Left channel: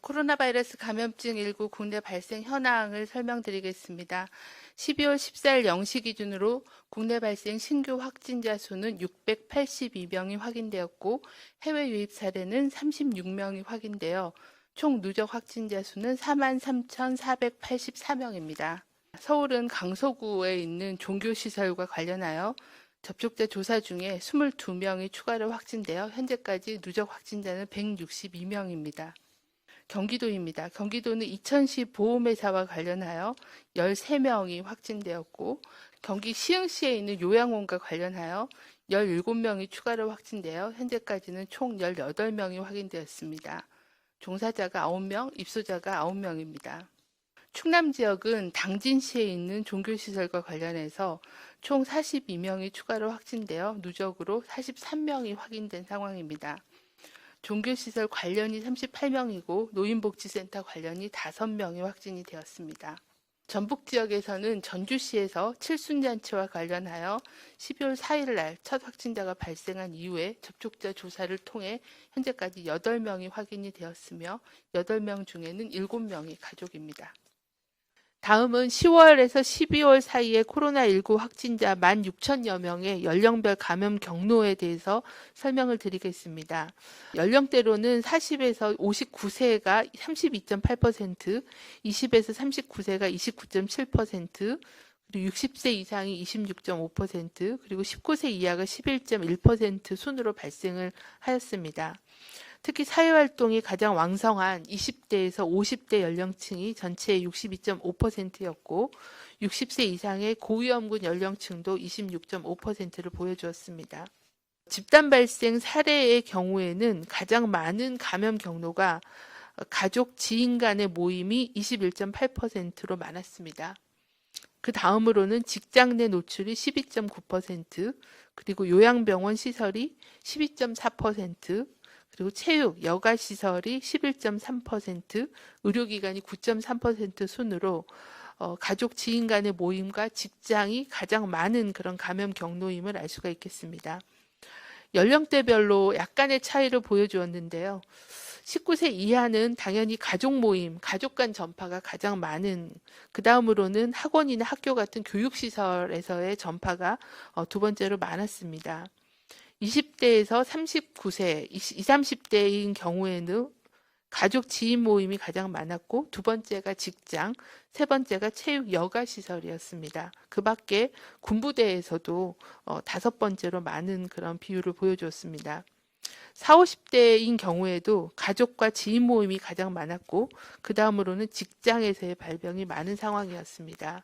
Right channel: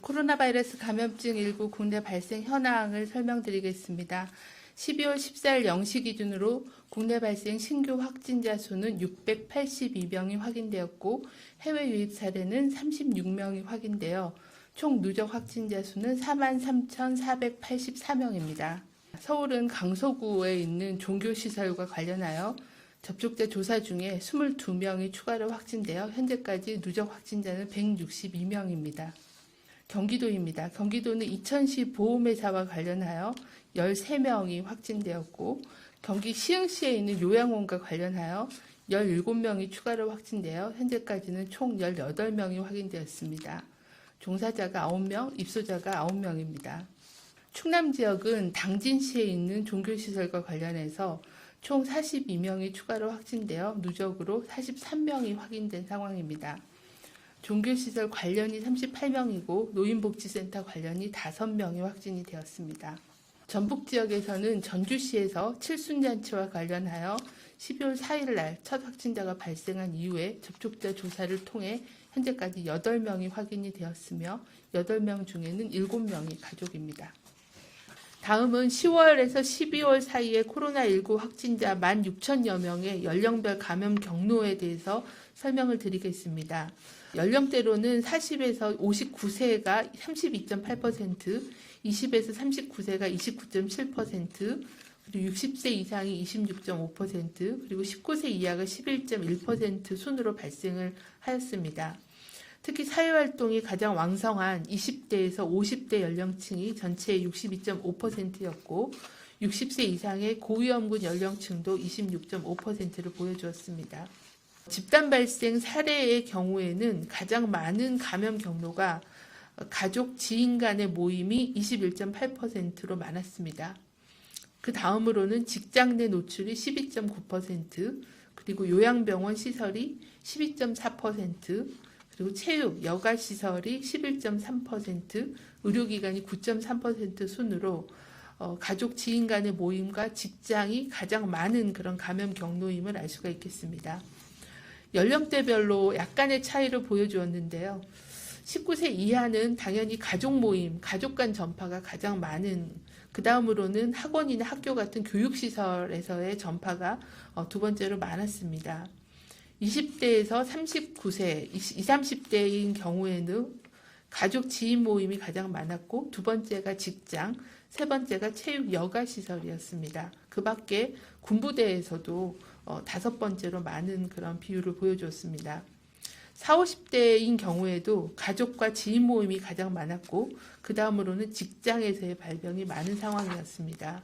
코로나 바이러스 감염증 19 국내 발생 현황을 설명드리겠습니다. 12월 14일 0시 기준으로 국내 발생 신규 확진자 수는 682명이 확인되었고 해외 유입 사례는 36명이 확인되어 총 누적 확진자 수는 43,484명입니다. 서울은 강서구에 있는 종교시설과 관련하여 접촉자 조사 중에 22명이 추가로 확진되어 현재까지 누적 확진자는 162명입니다. 경기도입니다. 경기도는 이천시 보험회사와 관련하여 13명이 확진되었고 경기 시흥시에 있는 요양원과 관련하여 17명이 추가로 확진되어 현재까지는 총 18명이 확인되었습니다. 종사자가 9명, 입소자가 9명입니다. 충남 지역은 당진시에 있는 종교시설과 관련해서 총 42명이 추가로 확진되어 누적으로 43명이 확인된 상황입니다. 종교시설 관련이 38명이고 노인복지센터 관련이 5명이 확진이 되었습니다. 전북 지역에서는 전주시에서 칠순잔치와 관련하여 12월 4일 날 첫 확진자가 발생한 이후에 접촉자 조사를 통해 현재까지 8명이 확인이 되었으며 8명 중에는 7명이 가족입니다. 다음은 10월에서 12월 사이에 코로나19 확진자 16,000여 명의 연령별 감염 경로에 대해서 설명을 드리겠습니다. 연령대로는 40에서 59세가 32.8%, 20에서 39세가 29.7%, 그리고 60세 이상이 26.5%, 그리고 19세 이하가 11.1% 순으로 발생을 하였습니다. 특히 사회활동이 가장 왕성한 20대에서 50대 연령층이 전체의 62.5%였고 60세 이상의 고위험군 연령층도 26.5%를 보여주었습니다. 집단 발생 사례의 경우에는 가장 많은 감염 경로가 가족, 지인 간의 모임이 21.8%로 많았습니다. 그 다음으로는 직장 내 노출이 12.9%, 그리고 요양병원 시설이 12.4%, 그리고 체육, 여가시설이 11.3%, 의료기관이 9.3% 순으로 가족, 지인 간의 모임과 직장이 가장 많은 그런 감염 경로임을 알 수가 있겠습니다. 연령대별로 약간의 차이를 보여주었는데요. 19세 이하는 당연히 가족 모임, 가족 간 전파가 가장 많은, 그 다음으로는 학원이나 학교 같은 교육시설에서의 전파가 두 번째로 많았습니다. 20대에서 39세, 20, 30대인 경우에는 가족 지인 모임이 가장 많았고 두 번째가 직장, 세 번째가 체육 여가시설이었습니다. 그 밖에 군부대에서도 5번째로 많은 그런 비율을 보여주었습니다. 40, 50대인 경우에도 가족과 지인 모임이 가장 많았고 그 다음으로는 직장에서의 발병이 많은 상황이었습니다.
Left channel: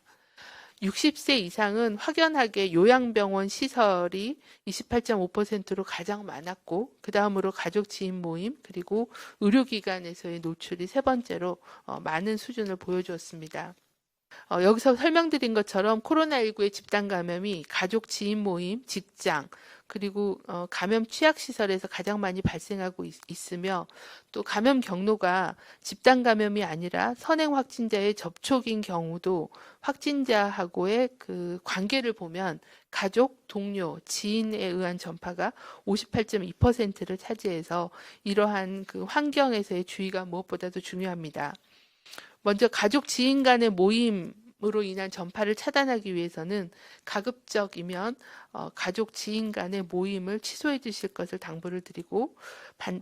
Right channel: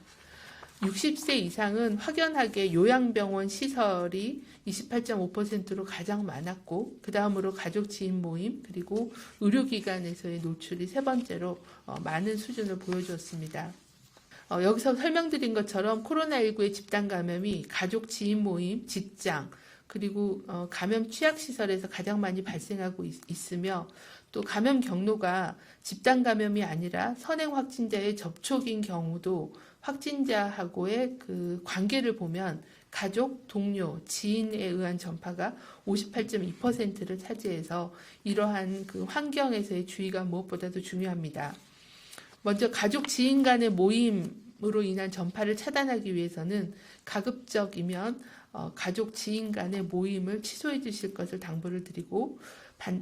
60세 이상은 확연하게 요양병원 시설이 28.5%로 가장 많았고 그 다음으로 가족 지인 모임 그리고 의료기관에서의 노출이 세 번째로 많은 수준을 보여주었습니다. 여기서 설명드린 것처럼 코로나19의 집단 감염이 가족 지인 모임, 직장 그리고 감염 취약시설에서 가장 많이 발생하고 있으며 또 감염 경로가 집단 감염이 아니라 선행 확진자의 접촉인 경우도 확진자하고의 그 관계를 보면 가족, 동료, 지인에 의한 전파가 58.2%를 차지해서 이러한 그 환경에서의 주의가 무엇보다도 중요합니다. 먼저 가족, 지인 간의 모임으로 인한 전파를 차단하기 위해서는 가급적이면 가족, 지인 간의 모임을 취소해 주실 것을 당부를 드리고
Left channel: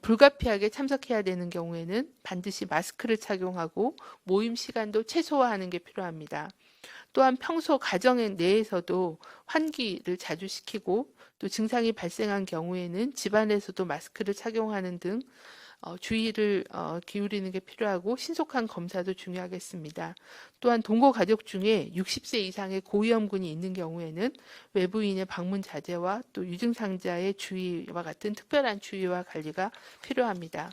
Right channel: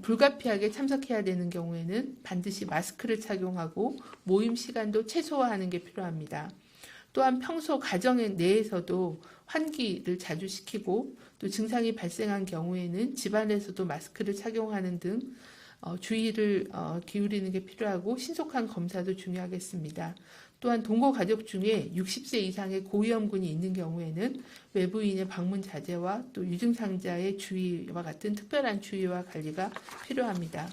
불가피하게 참석해야 되는 경우에는 반드시 마스크를 착용하고 모임 시간도 최소화하는 게 필요합니다. 또한 평소 가정 내에서도 환기를 자주 시키고 또 증상이 발생한 경우에는 집안에서도 마스크를 착용하는 등 주의를 기울이는 게 필요하고 신속한 검사도 중요하겠습니다. 또한 동거 가족 중에 60세 이상의 고위험군이 있는 경우에는 외부인의 방문 자제와 또 유증상자의 주의와 같은 특별한 주의와 관리가 필요합니다.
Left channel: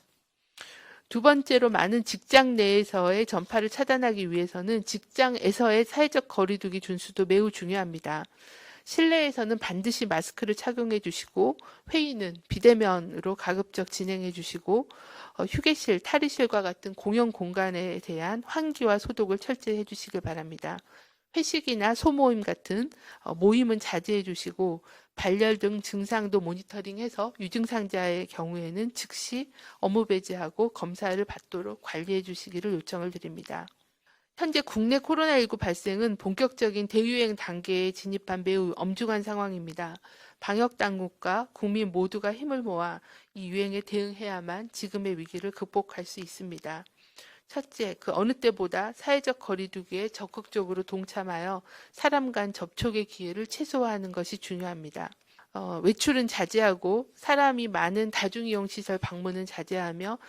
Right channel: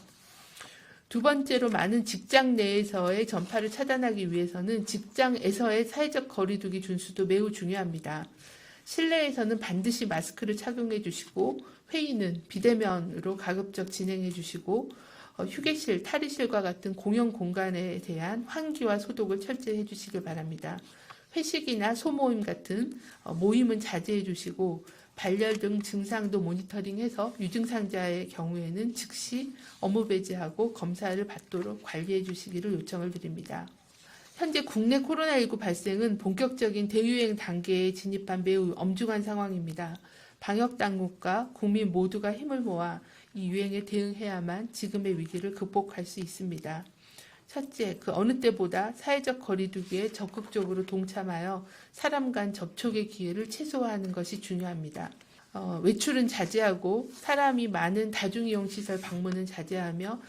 두 번째로 많은 직장 내에서의 전파를 차단하기 위해서는 직장에서의 사회적 거리두기 준수도 매우 중요합니다. 실내에서는 반드시 마스크를 착용해 주시고 회의는 비대면으로 가급적 진행해 주시고 휴게실, 탈의실과 같은 공용 공간에 대한 환기와 소독을 철저히 해주시길 바랍니다. 회식이나 소모임 같은 모임은 자제해 주시고 발열 등 증상도 모니터링해서 유증상자의 경우에는 즉시 업무 배제하고 검사를 받도록 관리해 주시기를 요청을 드립니다. 현재 국내 코로나19 발생은 본격적인 대유행 단계에 진입한 매우 엄중한 상황입니다. 방역당국과 국민 모두가 힘을 모아 이 유행에 대응해야만 지금의 위기를 극복할 수 있습니다. 첫째, 그 어느 때보다 사회적 거리두기에 적극적으로 동참하여 사람 간 접촉의 기회를 최소화하는 것이 중요합니다. 외출은 자제하고 사람이 많은 다중이용시설 방문은 자제하며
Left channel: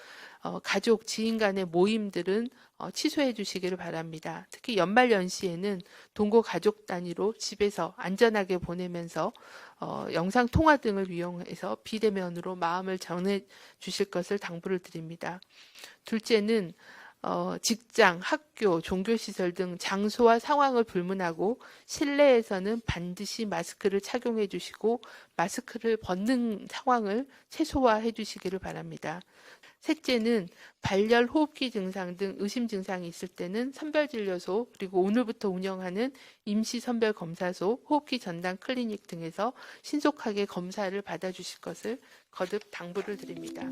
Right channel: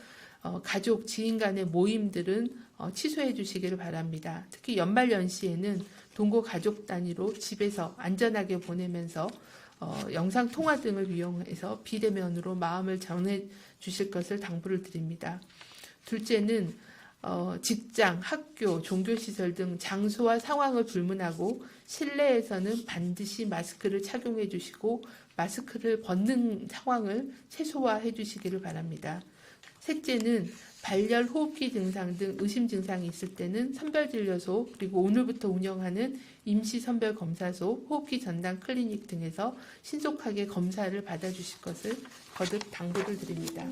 가족, 지인 간의 모임들은 취소해 주시기를 바랍니다. 특히 연말연시에는 동거 가족 단위로 집에서 안전하게 보내면서 영상통화 등을 이용해서 비대면으로 마음을 전해 주실 것을 당부를 드립니다. 둘째는 직장, 학교, 종교시설 등 장소와 상황을 불문하고 실내에서는 반드시 마스크를 착용해 주시고 마스크를 벗는 상황을 최소화해 주시기를 바랍니다. 셋째는 발열, 호흡기 증상 등 의심 증상이 있을 때는 선별진료소 그리고 오늘부터 운영하는 임시선별검사소, 호흡기 전담 클리닉 등에서 신속하게 검사를 받아주실 것을 거듭 당부를 드립니다.